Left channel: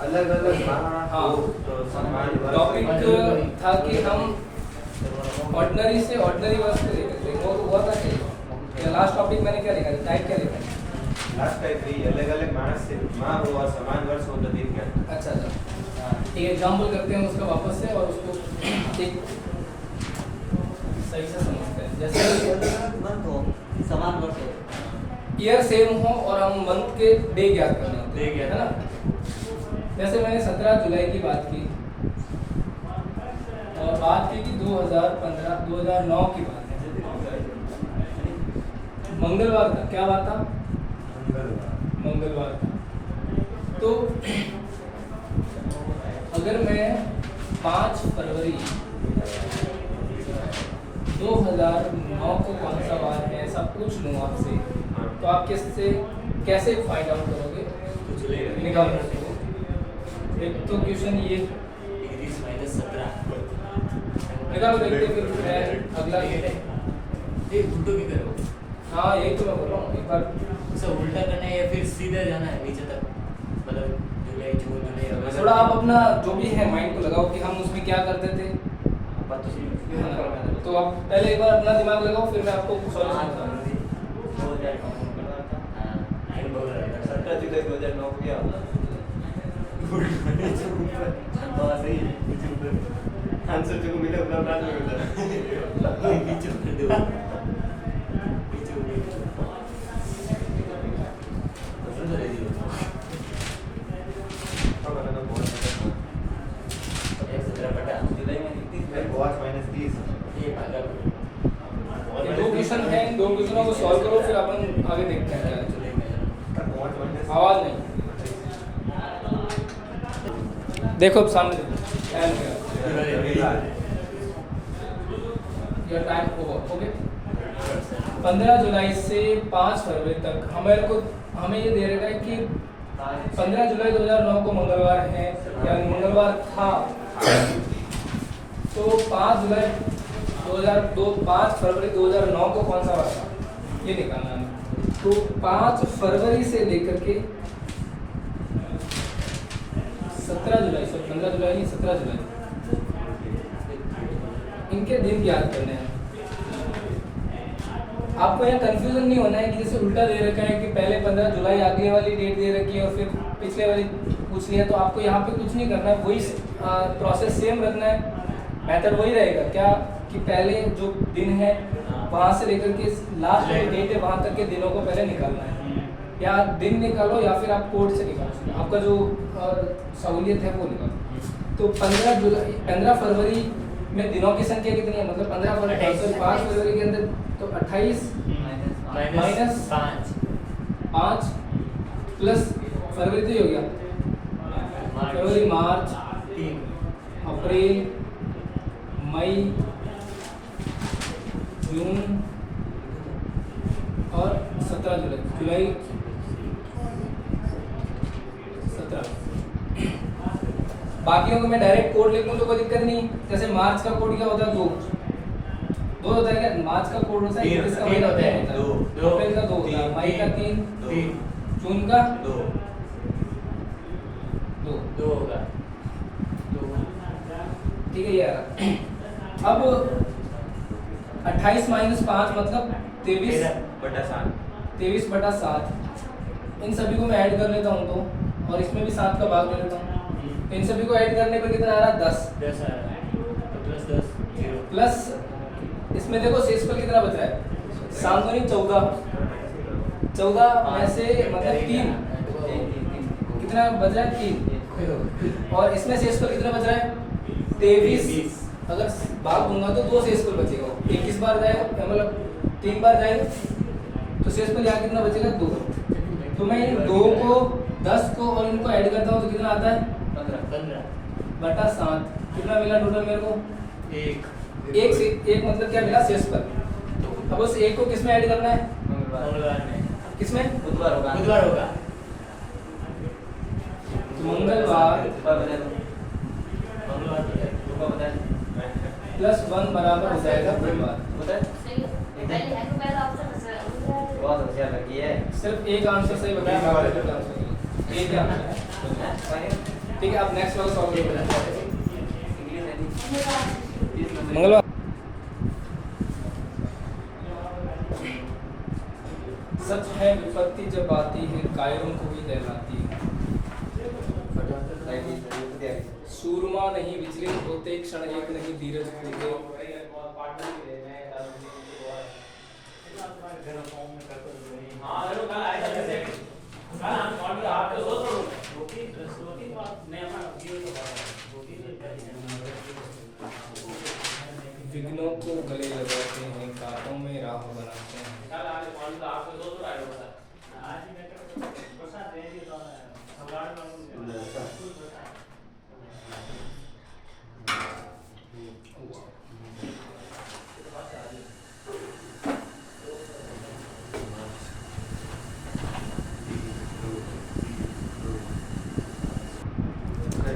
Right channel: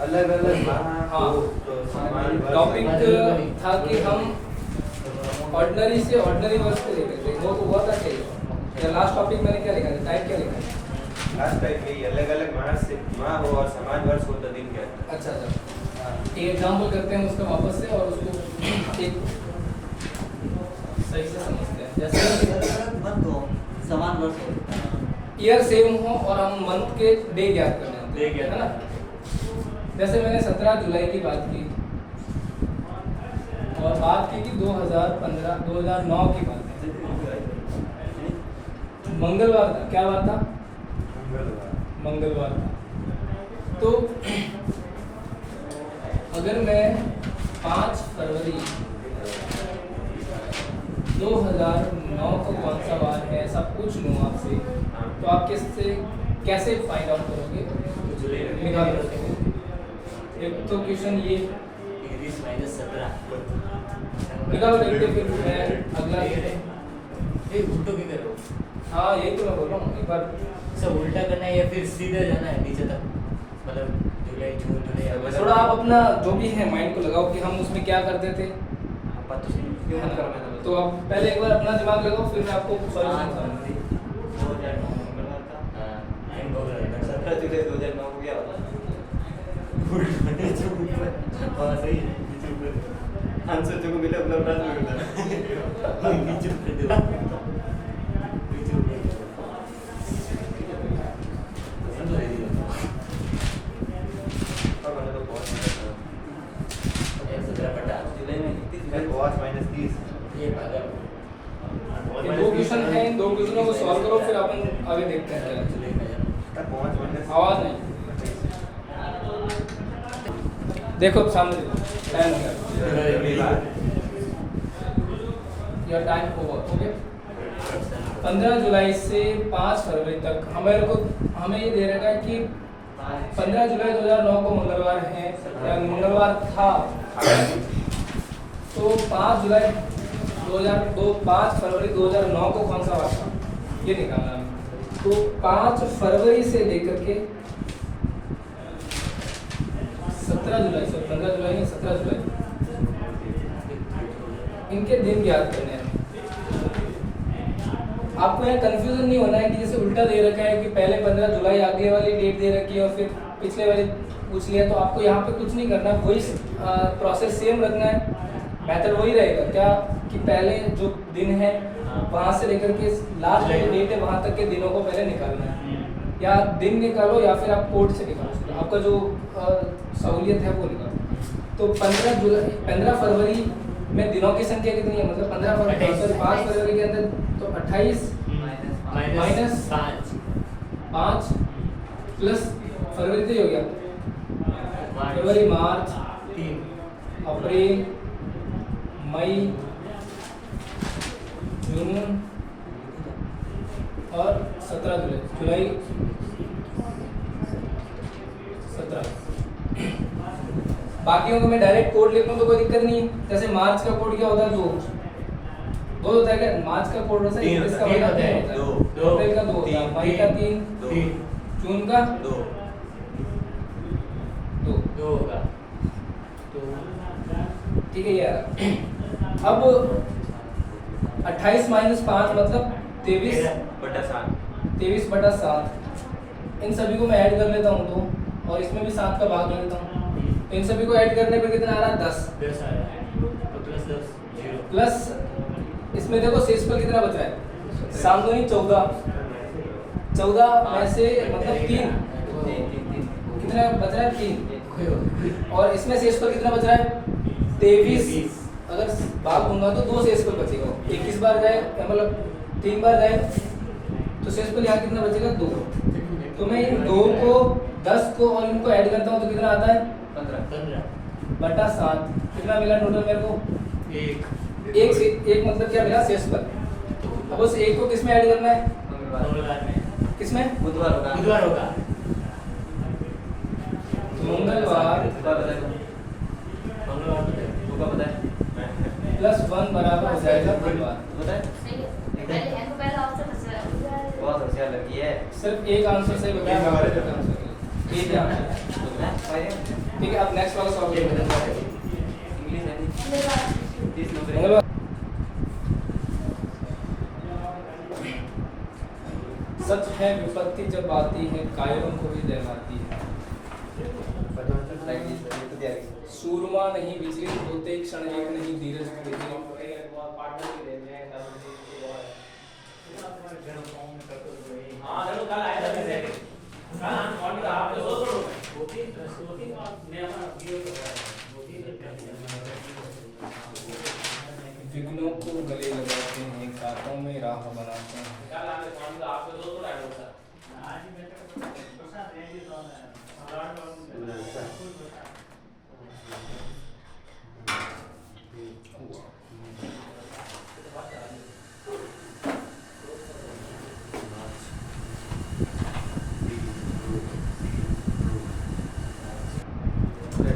अलग अलग हाँ टॉपिक था कि हम ऑर्डिनरी से ऑर्डिनरी वर्ड्स को लेकर थे, वो तो हुआ था क्या? या लास्ट टॉपिक मैंने क्या लिखा था, टाइप क्या लिखा है? लास्ट टाइप भी अलग अलग मानस से माँ हो और समान वर्ष हो तो दिन क्या? अच्छा अच्छा, एक एग्जाम्पल करते हैं उसका वापस से और उसको एक सही से समझते हैं। जैसे समान वर्ष हो, ईयर सेम हो और हम मंथ के डे ज्ञात करना है ना। जैसे मैंने 17 जुलाई की बात की और बात की कि 2009 की बात है, मंगलवार था। क्या बात था? मंगलवार था। तो अगर मैं 5 फरवरी 2009 को कौन सा वार है ऐसा पूछ लूँ आपसे, तो आप कैसे फाइंड आउट करोगे? निकाल सकते। एक तो क्वेश्चन ये निकालो, देखते फिर मैं अगला। उल्टो भी करो। हाँ यही तो मैं बोल रहा हूँ, एक बार सब उल्टा करना है या फिर सीधा जाना है नीचे तक, मतलब जुलाई जून जुलाई अगस्त। थोड़ा आप अपना जो भी है माइंड को लगाओ कि हम उसमें क्या करते थे। बात तो सही है। तो आप पहले एक बार अपना दिमाग लगाओ, फिर मैं आपको सॉल्यूशन बताऊंगा। 17 जुलाई 2009 को क्या होता? आंसर जो मिला अपना प्राप्त नहीं होता। नीचे कर दो। और मैंने तो बहुत जुलाई में 31 -30 ये पागल। ये दो क्वेश्चन हैं, इन दो क्वेश्चनों को सॉल्व करो, फिर अपन आगे देखते हैं क्या जुलाई में जाना। आवाज नहीं। देखो सामने टाइम क्या या टाइम ओके। 15 जुलाई से 5 फरवरी तक हमें ये दे रखा है कि 15 जुलाई 2009 को मंगलवार है या मंगलवार था। तो 5 जुलाई 2002 5 फरवरी 2009 को कौन सा वार था ये निकालना है। तो 5 फरवरी से लेकर के 17 जुलाई से 15 जुलाई नहीं 17 जुलाई इनके दिन याद करने हैं। आपको यहाँ कंफ्यूजन नहीं होना है कि जैसे उल्टा दे रखा है कि पहले 15 जुलाई आगे वाली डेट दे रखी है और फिर पिछले वाली पूछ लिया। तो आपको यहाँ पे कुछ नहीं करना है, वही प्रोसेस सेम रखना है, मेथड वही रहेगा। क्या कि पहले जो दिन है वहाँ से लेकर के लास्ट जो डेट है वहाँ तक के दिनों को पहले निकालना है। या दिन निकालो या फिर आप कोड से निकालो, आपका जो सहूलियत है वो निकालो। तो 15 फरवरी में दिनों की संख्या कितनी है? मतलब 15 फरवरी 5 फरवरी के अंदर तो 28 माइनस 5 प्लस फरवरी तो ही हो गया। फरवरी मार्च अप्रैल मई जून और 17 जुलाई 17। बाकियों को मैं डायरेक्ट कोड लिखूं तो कोई दिक्कत नहीं। जैसे मार्च का कोड क्या होता है? 2 होता है क्या? मार्च का कोड होता है इसका तीन होता है, 2, 2 अप्रैल का 2 होता है, मई का 3, 3 जून का 2 होगा। ठीक है यार। अब 28 माइनस 5 मतलब 23/7। इन सभी को मैं ऐड कर लेता हूँ तो, और इसमें भी 7 का भाग ले लेता हूँ। तो इन सभी को ऐड करने पे कितना आ रहा है? 10 आया। प्लस इसमें देखो शेष पर कितना बच रहा है? 7 दूनी 14 में से मतलब 3 कितना बच रहा है? 3। और इसमें शेष पर कितना बच रहा है? 23। अगर भाग दूंगा तो 2 शेष पर बचेगा। 21 बार जाए मतलब 3 बार जाए तो शेष पर यहाँ कितना बचेगा? 2। तो मैं इन 2 को 10 को और इनको ऐड करता हूँ तो कितना आता है? 15/7। कितना मिला टोटल मेरे को? 1 मतलब क्या मिला? शेष पर। अब उस 1 को किस में ऐड करना है? मंगलवार में। किसमें? बुधवार होगा। मंगलवार प्लस 1 बराबर हो जाएगा बुधवार। बहुत होशियार लड़की है। सिर्फ एक आंसर सही बताया। ये क्या? ठीक है, अब नेक्स्ट वाला सॉल्व ये करें। बता इंग्लिश है नहीं 30 नंबर मंगलवार सच है विपत्ति जब आती है कायरों को भी दहलाती है। सूरमा नहीं विचलित होते क्षण एक नहीं धीरज होते। विघ्नों को गले लगाते हैं कांटों में राह बनाते हैं।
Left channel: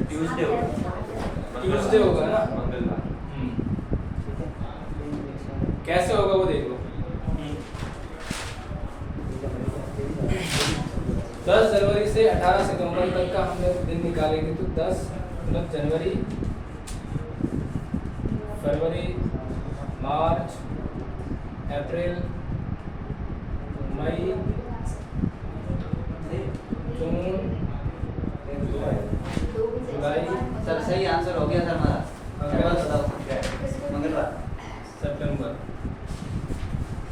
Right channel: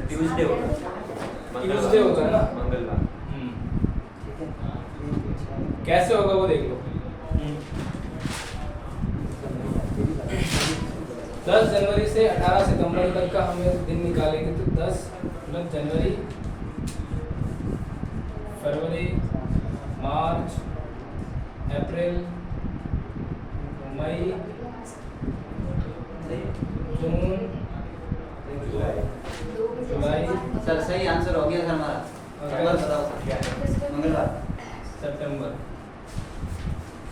ट्यूसडे होगा, ट्यूसडे होगा ना? मंगलवार। कैसे होगा वो देख लो। 10 जनवरी से 18 सितंबर तक का हम लोग दिन निकालेंगे तो 10 मतलब जनवरी, फरवरी, मार्च, अप्रैल, मई, जून, जुलाई, सर सही आंसर हो गया सर हमारा। अगस्त, बताओ क्या है? मंगलवार। सितंबर।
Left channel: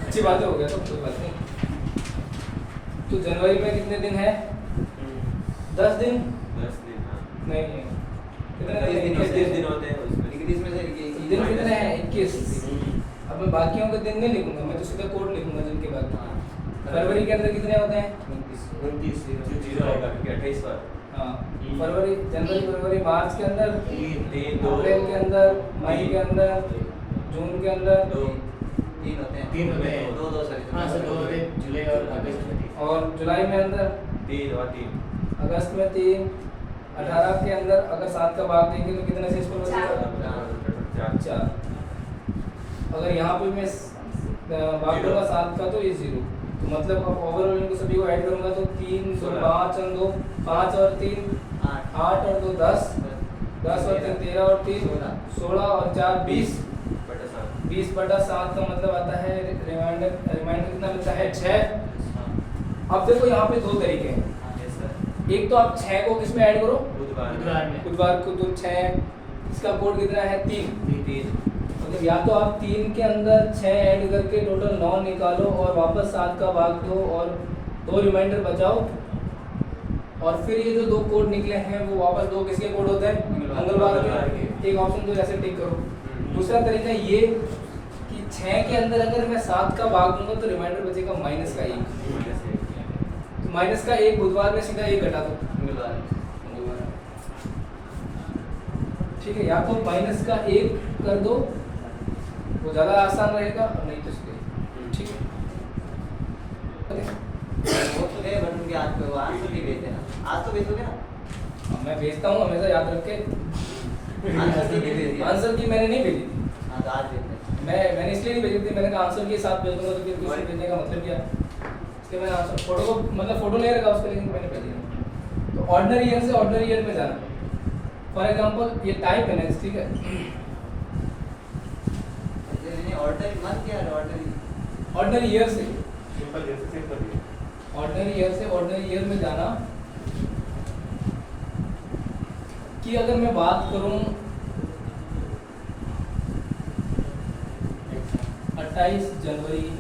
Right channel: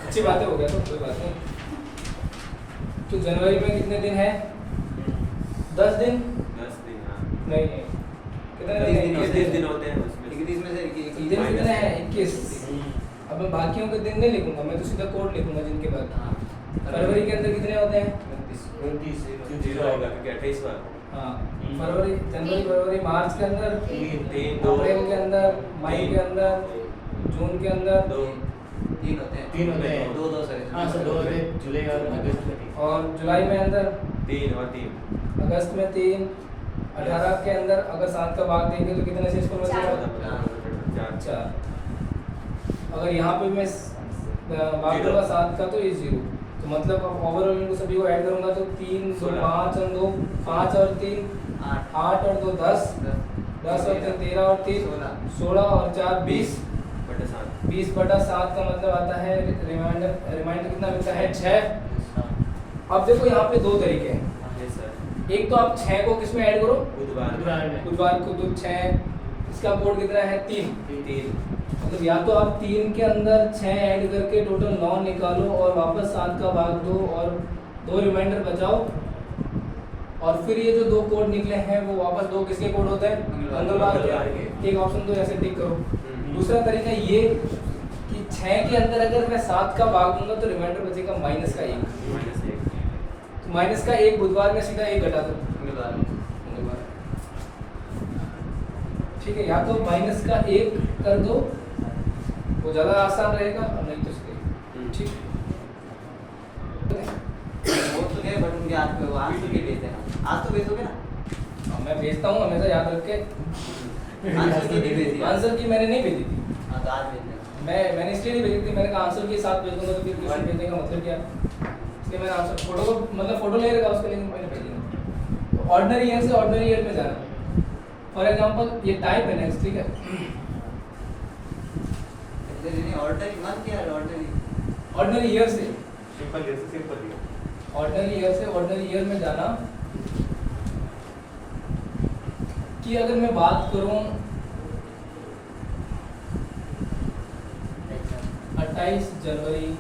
अच्छी बातें हो गया तो कोई बात नहीं। तो जनवरी में कितने दिन है? 10 दिन 10 दिन, हाँ। नहीं है। कितने दिन है? 21 दिन होते हैं उसमें। 21 में से दिन कितने हैं? 21। अब मैं बाकियों के दिन नहीं लिखूंगा, मैं तो सीधा कोड लिखूंगा जिनके बाद। फरवरी के अंदर कितने होते हैं? 29 जीरो आएगा क्योंकि 28 बार। हाँ, फरवरी, जनवरी, फरवरी, मार्च के अंदर, 3 2 अप्रैल के अंदर, मई के अंदर, जून के अंदर, 2 तीन होते हैं। 3 होते हैं। दो दो सर। हाँ सर 2 होते हैं, जुलाई और अगस्त में 3। और जुलाई में अंदर, 3 और 3 अगस्त में 3, 18 के अंदर अगर 7 का भाग देंगे तो कितने शेष पर बचेगा? 4। अगर यहाँ पे मैं भाग दूंगा 7 का तो ये 0, तो मतलब अब ओवरऑल इनको सभी को ऐड करूंगा तो 3 2 5 और 2 5 और 3 8 और 2 10 10 और 3 13 और 3 16 और 4 20 20/7 का मतलब आता है रिमाइंडर कितना मिलता है? 6। अब देखो यहाँ पे 2 तरीके हैं। एक तो आप 6 को किस में ऐड करो? बुधवार में। बुधवार को तो 6, इसका कोड कितना है? 3। 3 मतलब या तो आप 3 के अंदर 6 ऐड करके टोटल 9 निकालो और वापस 7 का भाग दो और 2 रिमाइंडर बचाओ, और फिर ये जो 2 कोड निकले हैं वो वापस 2 किसके कोड होते हैं? मंगलवार के। एक ऑप्शन तो ऐसे टिक करो। दूसरा तरीका ये कि 6 के अंदर अगर मैं 7 का भाग दूंगा तो रिमाइंडर बचेगा -1। तो -1 बुधवार में सीधा 1 घटा दो। ठीक है, या तो -1 कर दो, वो ज़्यादा आसान रहेगा, और नहीं तो इसके। ठीक वो तो गए बट उनके आपको आंसर भी भेजते ना। आज तो भेजोगे ना? अब मैं भेजता हूँ हमेशा, याद रख के। आंसर की नहीं भेजी। आंसर की मैंने नहीं भेजी थी। हाँ तो आज भेज देना। मैंने इसलिए नहीं भेजी थी, मैंने कहा आंसर के साथ भेज दूंगा तो फिर किसी भेजने का मतलब क्या? इसलिए मैंने आंसर फोटो को मतलब फोटो ले रखा उसके लिए मैंने भेज दिया। तो ऑर्डिनरी ईयर से ऑर्डिनरी ईयर में जाना। फॉर एग्जांपल ये टाइप है ना, ठीक है? ऑर्डनरी मंथ या ऑर्डनरी? ऑर्डिनरी ईयर से सिंपल जैसे सिंपल ही ऑर्डिनरी ईयर से ऑर्डिनरी ईयर में जाना कि अगर मैं बात करूं 28 जनवरी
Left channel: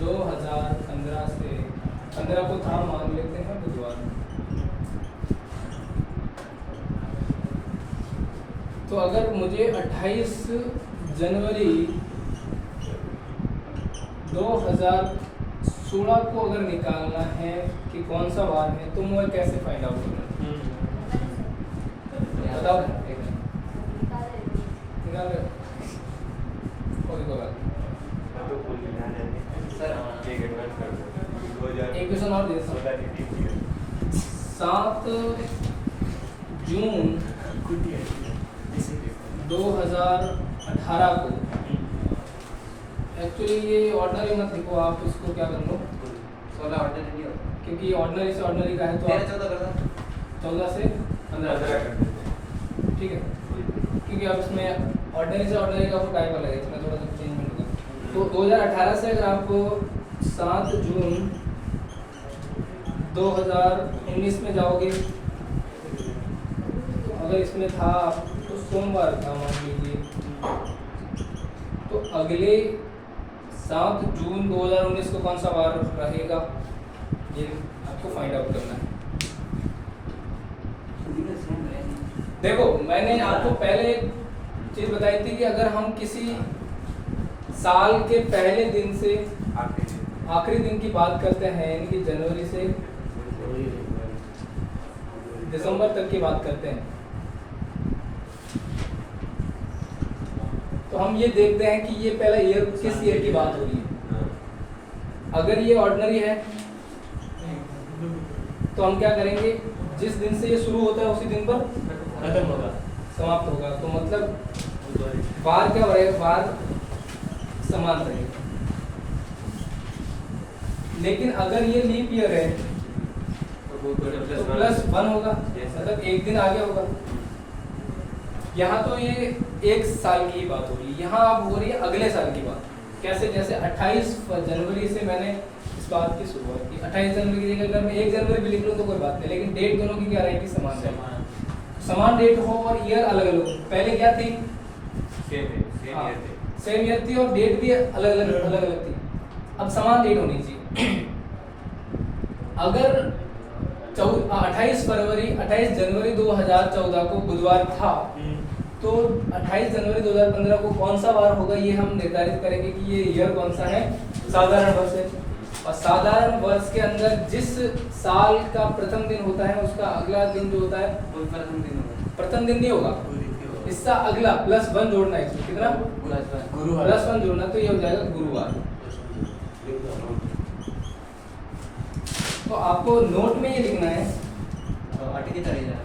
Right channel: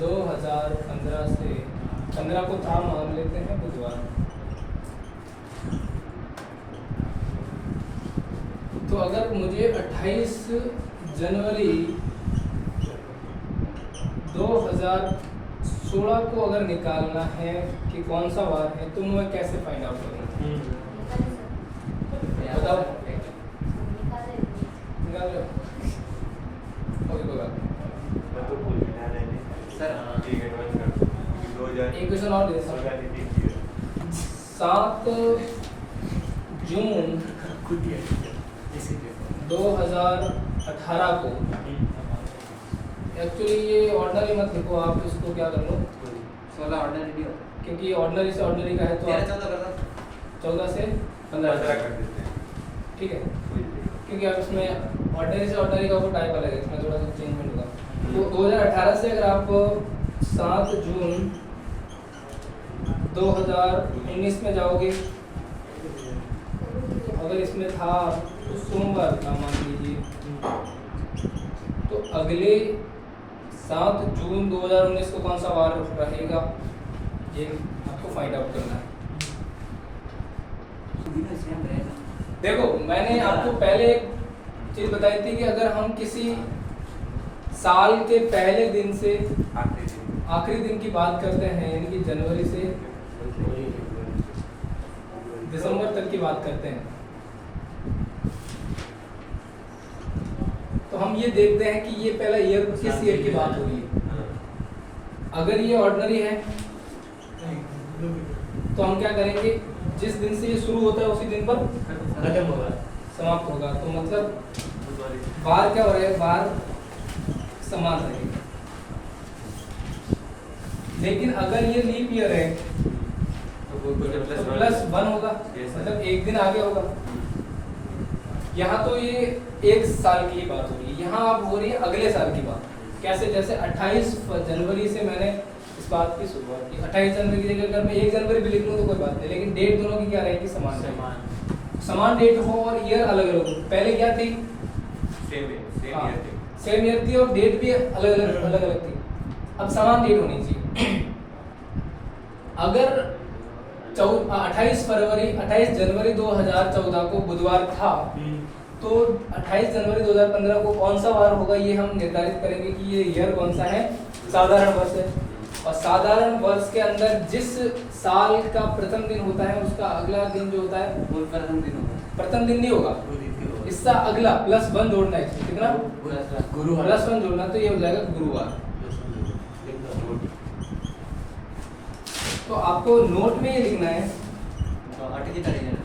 2015 से 15 को था मान लेते हैं बुधवार। तो अगर मुझे 28 जनवरी 2016 को अगर निकालना है कि कौन सा वार है तो मैं कैसे फाइंड आउट करूँगा? बताओ। निकाल रहे? कोई बात नहीं। तो भूल ना सर ठीक है, बंद कर दो। 2000 एक क्वेश्चन और दे सकता हूँ। 7 जून 2018 को, एक्चुअली ये ऑर्डनरी मत लिखो आप, इसको क्या कर लो 16 ऑर्डिनरी नहीं होता। क्योंकि ऑर्डिनरी से ऑर्डिनरी का है तो 13-14 कर दो। 14 से 15 15 कर देते हैं। ठीक है, क्योंकि अब इसमें ऑर्डिनरी से ऑर्डिनरी का वो टाइप अलग है, इसमें थोड़ा सा चेंजमेंट होगा। तो 2018 से अगर आप 7 जून 2019 में जाओगे, अगर इसमें था तो सोमवार था मान लीजिए, तो अगले 7 जून 2019 को कौन सा वार रहेगा, ये आपको फाइंड आउट करना है। देखो मैंने आपको पहले चीज बताई थी कि अगर हम किसी साल के पहले दिन से आखिरी दिन की बात करते हैं, यानी कि जनवरी से दिसंबर तक की बात करते हैं, तो हम ये देखते हैं कि ये पहला ईयर किस ईयर की बात हो रही है। अगर ये ऑर्डिनरी है तो हम क्या करेंगे, जिस दिन से ये शुरू होता है उसी दिन पर खत्म होगा, समाप्त होगा। तो मतलब बार क्या हो रहेगा, बार समान रहेगा। लेकिन अगर ये लीप ईयर है तो +1 होगा, मतलब एक दिन आगे होगा। यहाँ तो ये एक साल की बात हो रही है, यहाँ अब हो रही है अगले साल की बात। कैसे, जैसे 28 जनवरी से मैंने इस बात की शुरुआत की। 28 जनवरी की जगह अगर मैं 1 जनवरी भी लिख लूँ तो कोई बात नहीं, लेकिन डेट दोनों की क्या रहेगी, समान डेट हो और ईयर अलग अलग हो। पहले क्या थी, सेम ईयर थी और डेट भी अलग अलग थी। अब समान डेट होनी चाहिए। अगर 28 जनवरी 2014 को बुधवार था, तो 28 जनवरी 2015 को कौन सा वार होगा, ये हम निर्धारित करेंगे कि ये ईयर कौन सा है, साधारण वर्ष है। और साधारण वर्ष के अंदर जिस साल का प्रथम दिन होता है उसका अगला दिन जो होता है वो प्रथम दिन होगा। प्रथम दिन नहीं होगा, इसका अगला +1 जोड़ना है। इसमें कितना, गुरुवार, +1 जोड़ना, तो ये हो जाएगा गुरुवार। तो आपको नोट में ये लिखना है, अटकी तारीख है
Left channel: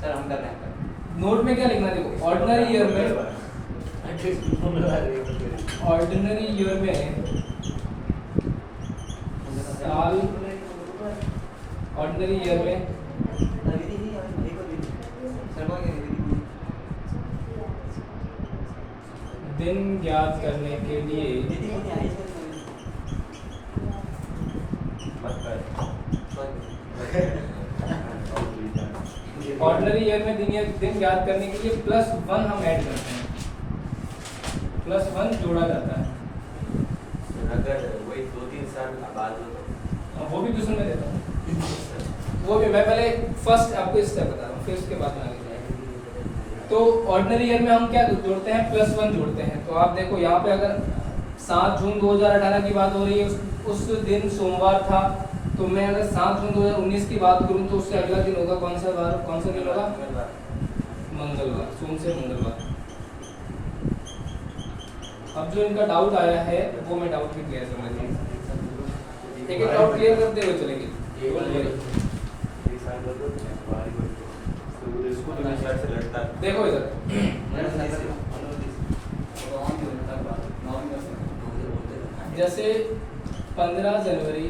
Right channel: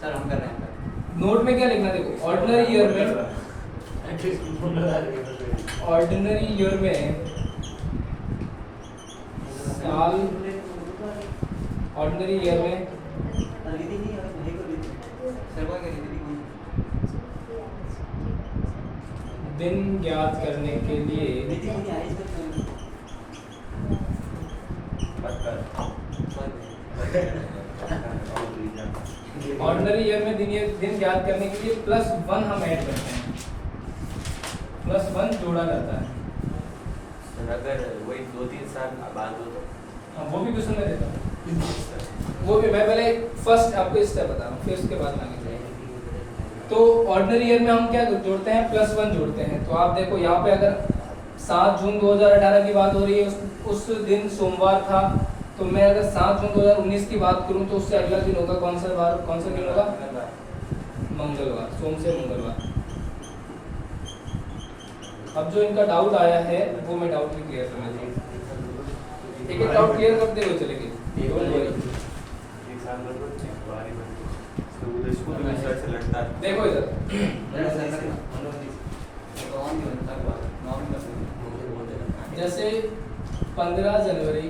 सर, हम कर रहे हैं। नोट में क्या लिखना है, देखो ऑर्डिनरी ईयर में साल, ऑर्डिनरी ईयर में दिन ज्ञात करने के लिए ऑर्डिनरी ईयर में दिन ज्ञात करने के लिए +1 हम ऐड करते हैं, +1 जोड़ा जाता है। अगर वही 2-3 साल बाद हो तो वो भी क्वेश्चन में देता हूँ, वो भी मैं पहले फर्स्ट आपको इस तरह बता रहा हूँ, फिर उसके बाद आगे जाएंगे। तो ऑर्डिनरी ईयर में हम क्या जोड़ते हैं, +1 जोड़ते हैं। तो आप देखो यहाँ पे अगर 7 जून 2018 की बात हो रही है, उस दिन सोमवार था, तो मैं अगर 7 जून 2019 की बात करूँ तो उससे अगला दिन होगा कौन सा दिन होगा, मंगलवार, सोम से मंगलवार। अब जो इनका डाउट आया है वो मैं डाउट भी क्लियर करना चाहिए, एक डाउट क्लियर करते हुए चलेंगे। देखो इधर, जैसे 15 जनवरी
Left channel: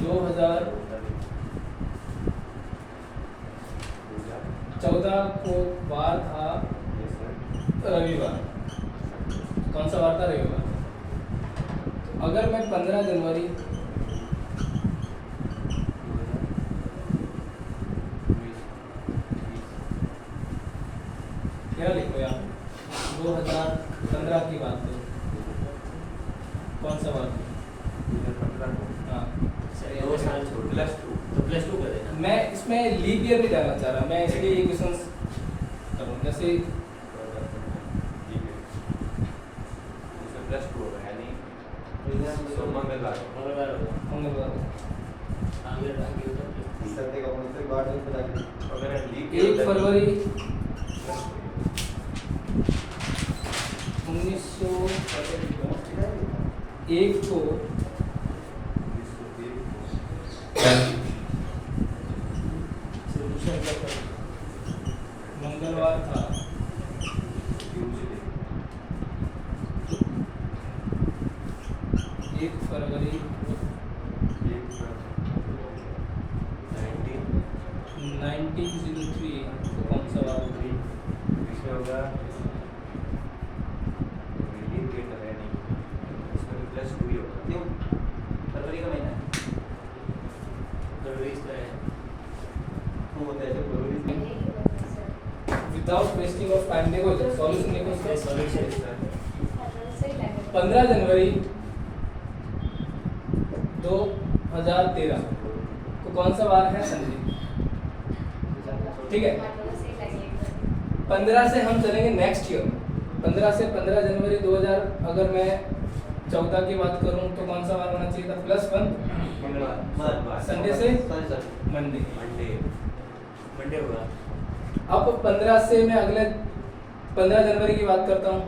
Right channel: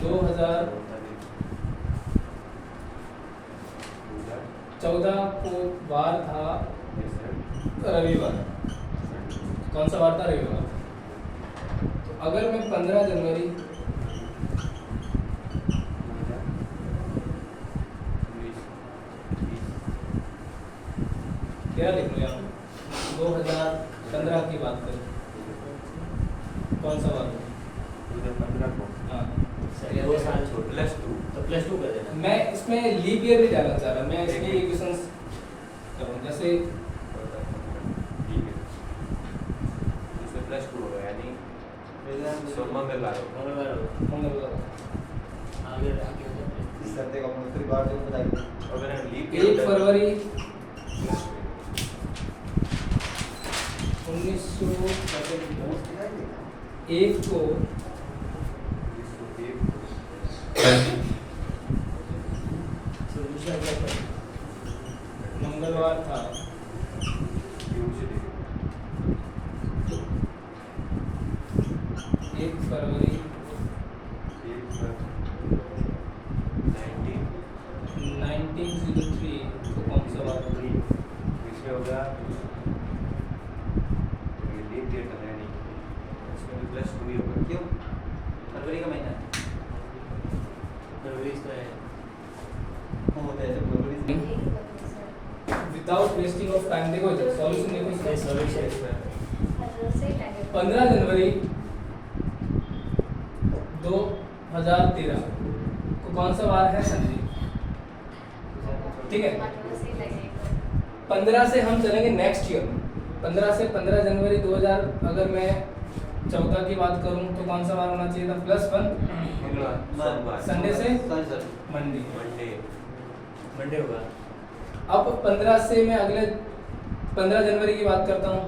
2014 को वार था रविवार, कौन सा वार था, रविवार। तो अगर मैं 15 जनवरी क्या लिखूँ यहाँ, 2015 की बात करें, कौन सा बात है, 2015 को हाँ 2 साल छोड़, +2 तो +2 कर देना। मैं इसमें लीप ईयर नहीं डालना चाह रहा, मैं इसलिए ये क्वेश्चन करूँ, जैसे +2 होगा, यानी मंगलवार मंगलवार। आगे हो जाए। अगर 1 फरवरी 1901 को मंगलवार था, 1 फरवरी 1903 तो कौन सा वार होगा? इसमें होगा लीप डेट का है नहीं, इसमें +2 ही होगा। क्यों? फरवरी का महीना है। फरवरी इसका है। वो होता है जब फरवरी से विदाउट वेस्टिंग ऑफ टाइम देखो सॉल्यूशन देखो इसका इसका। सॉल्यूशन 15 जनवरी 2013 को कौन सा वार है संजीव? ठीक है, 15 से हम चलेंगे नेक्स्ट ईयर। 15 से 15 जनवरी 2000 अगर मैं 14 की बात करूं तो कौन सा वार होना चाहिए था? +1 मंगलवार। संडे से सर मंडे। मंडे होगा। अब 15 से मैं अगले 15 जनवरी की बात करता हूँ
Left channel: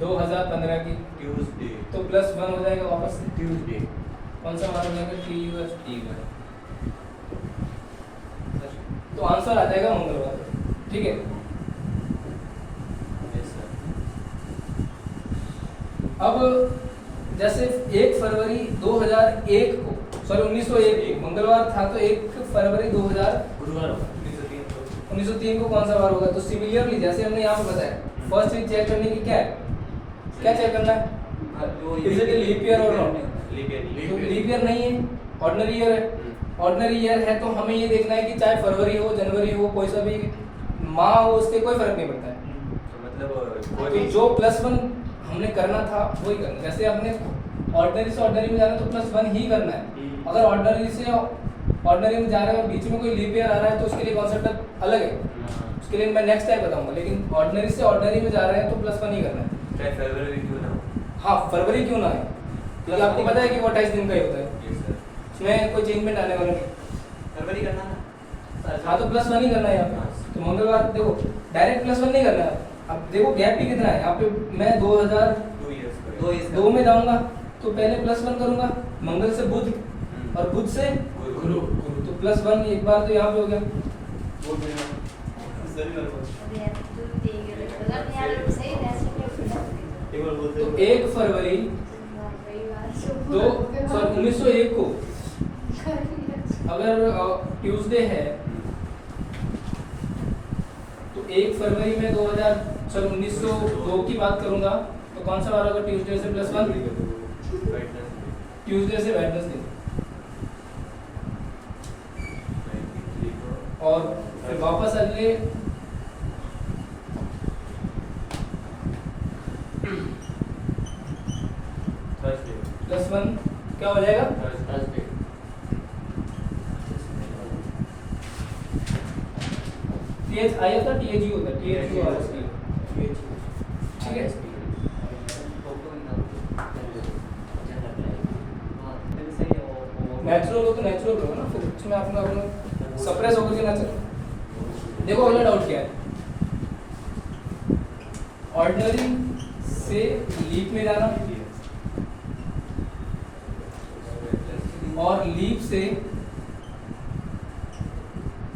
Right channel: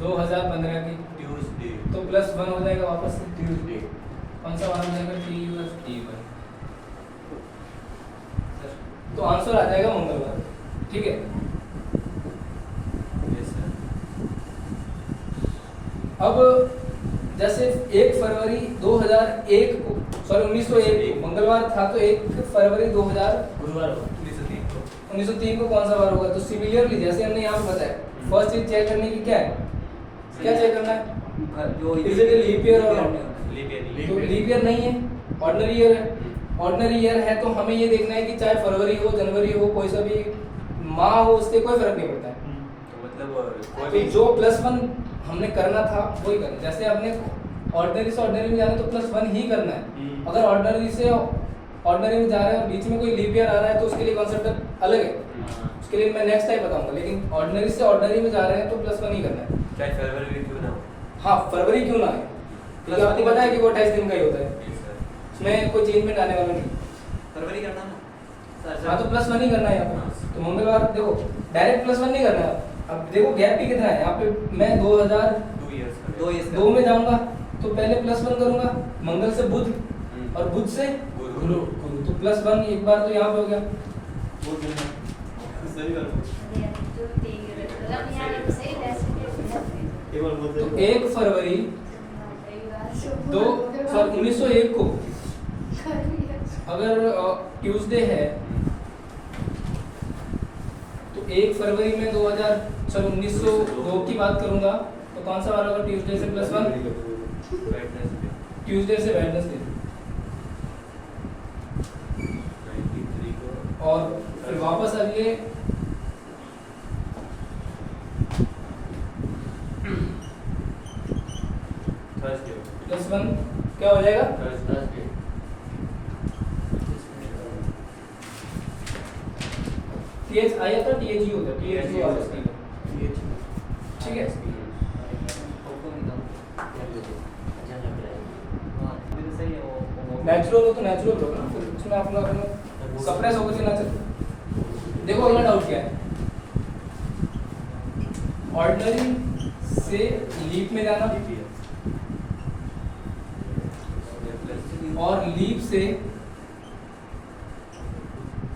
2015 की, ट्यूसडे। तो +1 हो जाएगा वापस से। ट्यूसडे। कौन सा वार हो जाएगा? TUSD। तो आंसर आ जाएगा मंगलवार। ठीक है, यस सर। अब जैसे 1 फरवरी 2001 को, सॉरी 1901 को मंगलवार था, तो 1 फरवरी 2000 गुरुवार होगा। 1903 को कौन सा वार होगा? तो सिमिलरली जैसे हमने यहाँ पे बताया, फर्स्ट चीज चेक करने की क्या है? क्या चेक करना है? जो Is it a leap year or not? Leap year तो लीप ईयर नहीं है, ऑर्डिनरी ईयर है। ऑर्डिनरी ईयर है तो हमें ये देखना है कि चाहे फरवरी हो, जनवरी हो, कोई सा भी माह हो, उससे कोई फर्क नहीं पड़ता है। तो मतलब कोई तो भी जो +1 हमने करना था वही करना। जैसे हमने ऑर्डिनरी से ऑर्डिनरी में जाना है तो +1 ही करना है। अगर ऑर्डिनरी से ऑर्डिनरी में जा रहे हैं और बीच में कोई लीप ईयर आ रहा है तो उसके लिए कॉन्सेप्ट अलग है, उसके लिए मैं नेक्स्ट टाइम बताऊंगा। लेकिन ऑर्डिनरी से ऑर्डिनरी में जा रहे हैं तो +1 ही करना है। चाहे फरवरी भी क्यों ना हो। हाँ, फरवरी क्यों ना है, क्योंकि आपको पता है कि वो 28 दिन का ही होता है, यस सर। उसमें कोई चेंजमेंट आने वाला नहीं। फरवरी करना ना। हाँ, तो +1 ही करना है यहाँ पे। तो मंगलवार देखो डायरेक्ट +1 नहीं करना है। अब देखो गैप भी कितना है यहाँ पे। मैं 2 इयर्स 2002 में जाऊंगा तो पहले +1 करूंगा, मंगल से बुध और बुध से गुरु। तो +1 एक बार तो यहाँ पे हो गया। तो 1 फरवरी 1901 को अगर ट्यूसडे है तो 1 फरवरी में 1902 की बात करूंगा तो कौन सा वार होगा? ट्यूसडे से +1, ट्यूसडे से वेडनेसडे। और फिर वापस अगले थर्सडे। +1 क्या हो जाएगा? थर्सडे। TH आया था, THU होता है, THU वापस की। ठीक है, नेचुरल हो तो नेचुरल होगा ना, फिर उसमें आपका सप्रेस होगा कि नेचुरल। देखो अगला डाउट क्या है? ऑर्डिनरी से लीप में जाना और लीप से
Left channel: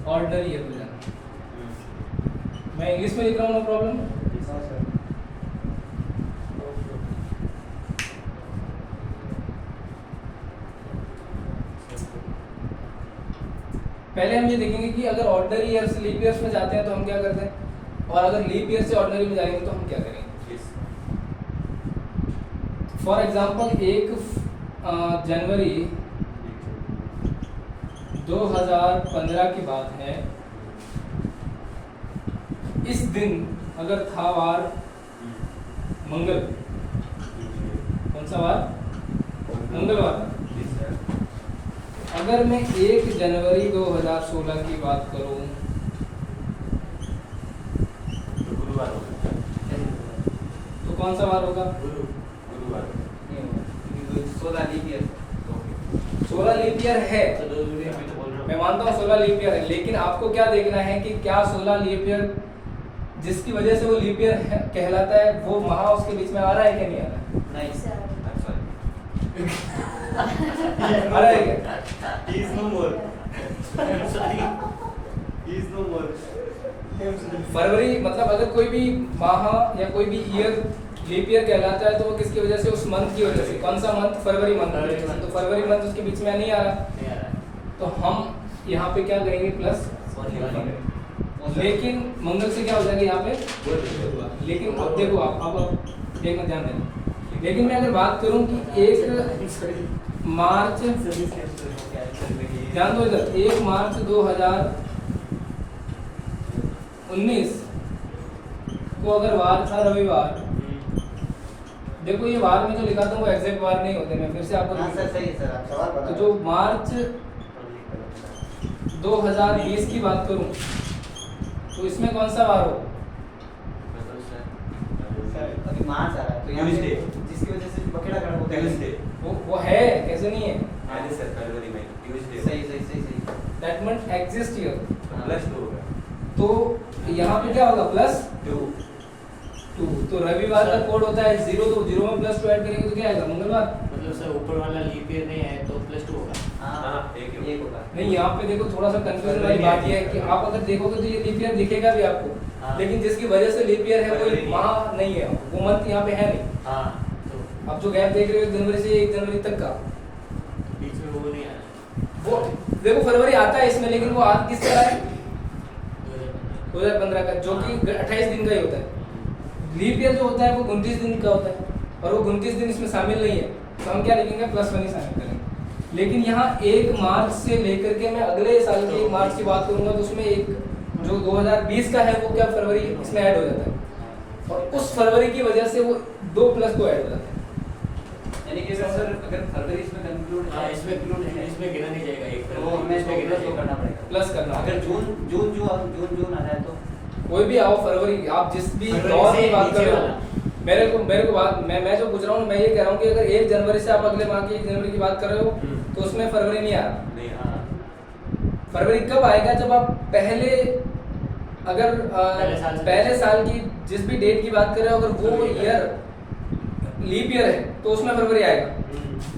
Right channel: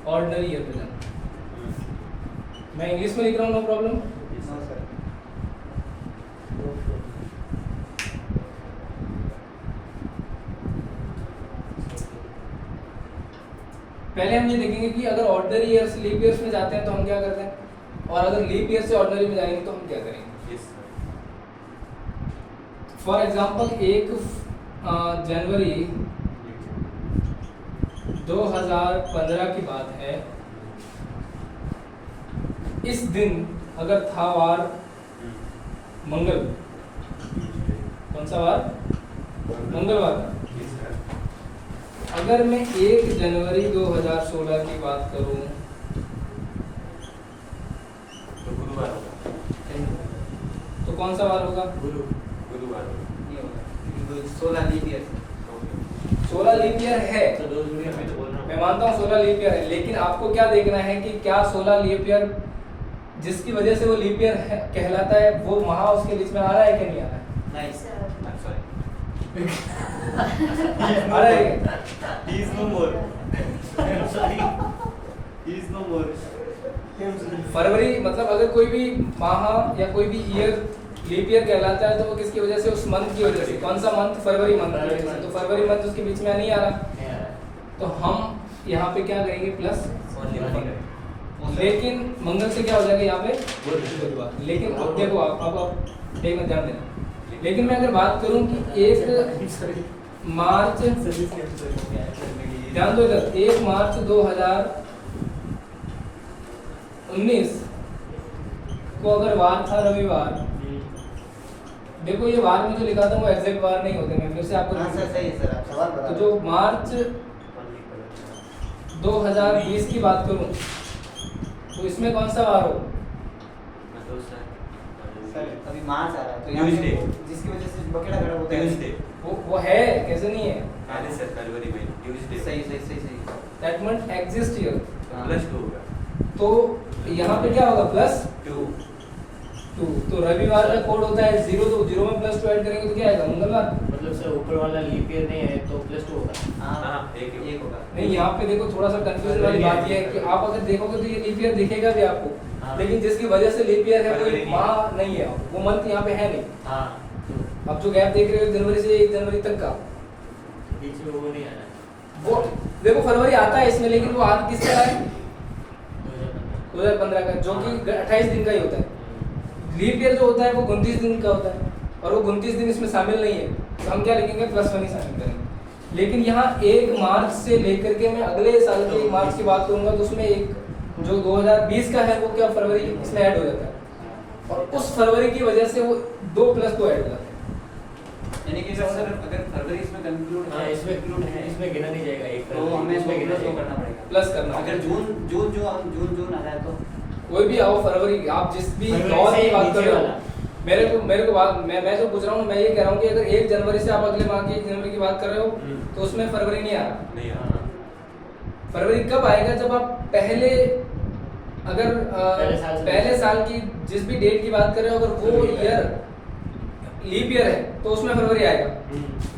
ऑर्डिनरी ईयर में जाना। मैं इंग्लिश में लिख रहा हूँ, नो प्रॉब्लम। पहले हम ये देखेंगे कि अगर ऑर्डिनरी ईयर से लीप ईयर्स में जाते हैं तो हम क्या करते हैं, और अगर लीप ईयर से ऑर्डिनरी में जाएंगे तो हम क्या करेंगे। फॉर एग्जांपल 1 जनवरी 2015 की बात है। इस दिन अगर था वार मंगल, कौन सा वार? मंगलवार। अगर मैं 1 जनवरी 2016 की बात करूं तो गुरुवार होगा। तो कौन सा वार होगा? गुरुवार। 16 लीप ईयर 16 लीप ईयर है, तो 2 जुड़ी हमें तो बोल रहा मैं मानता हूँ 16 लीप ईयर है, लेकिन आपको क्या देखना है कि क्या 16 लीप ईयर जिसकी वजह से वो लीप ईयर कहलाता है वो माह उसके बीच में आ रहा है कि नहीं आ रहा है? नहीं आ रहा है क्या? He is no more. I'm sorry. He is no more. फरवरी मतलब अगर कोई भी माह या कोई भी ईयर लीप ईयर कहलाता है तो वो किसकी वजह से, उस मंथ की वजह से। कौन सा मंथ? फरवरी मंथ की वजह से। तो फरवरी मंथ उसके बीच में नहीं आ रहा, नहीं आ रहा। तो हम यहाँ पे क्या करेंगे? प्लस। लेकिन मंगल से क्या हो जाएगा यहाँ पे? लेकिन अब देखो आप एक मिनट ध्यान देना। लेकिन मैं अगर बात करूं कि 1 मार्च, ध्यान दो इधर, 1 मार्च 2019 को अगर वार था रविवार, देखो ये वार में जो लिखा था वो एग्जैक्ट वार नहीं होते, मैं फिर से आपको हाँ सर, सही है सर, आप सवाल बता तो रहे जो हो। मार्च 2020 की बात करूं तो इसमें कौन सा वार हो? सर अभी मार्च आ रहा है तो यहाँ पे Tuesday। जिसकी वजह से बकेड़ा गड़बड़ होता है। ट्यूसडे। वो है, कैसे नहीं है? अरे सर फरवरी में ट्यूसडे। सही सही सही सही। That month exist here. +2 होगा। तो यहाँ पे क्या होगा? +2। 2 तो रविवार का कोड होता है 0, तो 0 में +2 ऐड करेंगे तो क्या आएगा? मंगलवार। मतलब सर ऊपर वाला लीप ईयर नहीं है तो +2 होगा। हाँ एक होगा। नहीं, यहाँ पे देखो थोड़ा सा कंफ्यूजन वाली बात ये है कि आप अगर देखोगे तो ये लीप ईयर दिखेगा भी आपको, हाँ। लेकिन जिसकी वजह से लीप ईयर है वो फरवरी माह नहीं है, वो मंथ यहाँ पे है नहीं। हाँ तो अब जो गैप देख रहे हो 1 जनवरी से 1 जनवरी तक का, बीच में वो नहीं आना। वो देखो फरवरी आता है इसमें, लेकिन वो आज किसका है? 2015। 2015 का, जो कि 28 दिन का ही होता है। लीप ईयर जो होता है वो 29 दिन का होता है, और वो 29 दिन इसमें शामिल नहीं है, तो हम क्या लिखेंगे? +1 ही शामिल करेंगे। लेकिन यहाँ 1 मार्च से लेकर के मैं अगले साल के 1 मार्च की बात करूंगा तो उसमें एक जो 2020 का है वो क्या फरवरी इसमें ऐड हो जाता है, और उस फरवरी की वजह से वो 2+2 ऐड हो जाता है। यानी कि सर अगर फरवरी इसमें कंक्लूड हाँ है, इसमें इसमें गिना नहीं जाएगा एक तो हमें इसमें गिना प्लस जाएगा। करना पड़ेगा। प्लस करना अगर जून आ जाए तो कोई भी आओ फरवरी, आप जिस भी फरवरी दौर से की बात कर नीचे रहे वाला। हो, मेरे को बात मैं जो पूछ रहा हूँ, मैं ये कह रहा हूँ कि अगर 1 जनवरी से आप अगले माह की 1 जनवरी की बात कर रहे हो तो उसमें फरवरी नहीं आ रहा। नहीं हाँ फरवरी कब आएगा? जब आप पहले अगर पहले साल की जिस भी डेट की बात कर रहे हो, अगर वो ईयर लीप ईयर है तो उसमें फरवरी आएगा।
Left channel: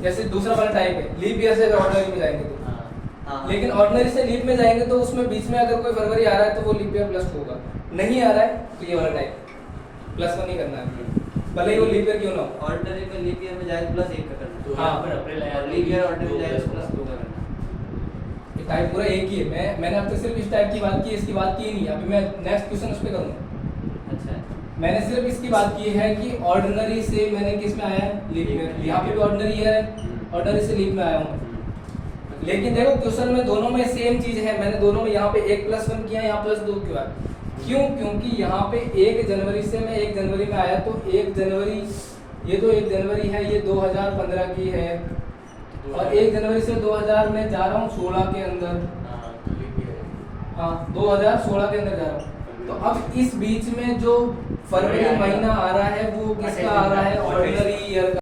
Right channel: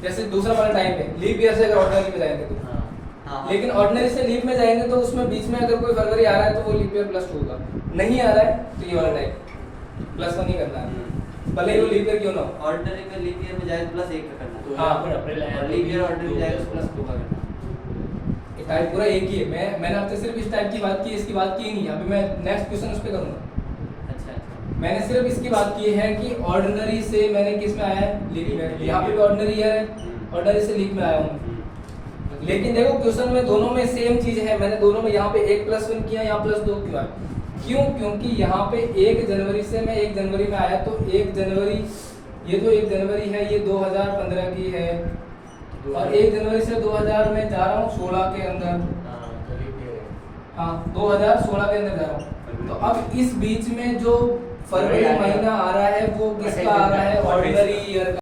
जैसे दूसरा वाला टाइम पे लीप ईयर से अगर ऑर्डिनरी में जाएंगे तो, हाँ लेकिन ऑर्डिनरी से लीप में जाएंगे तो उसमें बीच में अगर कोई फरवरी आ रहा है तो वो लीप ईयर +2 होगा, नहीं आ रहा है तो ये वाला टाइम +1 ही करना है, भले ही वो लीप ईयर क्यों ना हो। ऑर्डिनरी में लीप ईयर में जाए +1 का करना तो है। यहाँ पर अप्रैल आया और तो लीप ईयर भी ऑर्डिनरी 2 जाए + तो 2 +2 का करना है। ये टाइप पूरा एक ही है। मैंने अब तक सिर्फ इस टाइप की बात की, इसकी बात की नहीं। अभी मैं नेक्स्ट क्वेश्चन उस पे करूँगा। अच्छा मैंने सिर्फ इसकी बात की है कि ऑर्डिनरी से मैंने किस में आया है? लीप में। यहाँ पे भी ऑर्डिनरी ईयर है, ऑर्डिनरी से लीप में आया हूँ। लेकिन देखो क्वेश्चन में दोनों में सेम चीज है, मैंने दोनों में यहाँ पे 1+1 किया, यहाँ +2 क्यों आया? क्यों? क्योंकि यहाँ पे 1 जनवरी से मैं 1 जनवरी में आया, तो 1 जनवरी, ये तो 1 जनवरी है, ये 2015 की है, और 1 जनवरी से 2000 में जा रहा हूँ 16 के अंदर, हाँ तो लीप ईयर है। हाँ 2016 के अंदर जा रहा हूँ। तो अब इस बीच में जो फरवरी महीना आ रहा है वो किसका आ रहा है? ऑर्डिनरी ईयर का।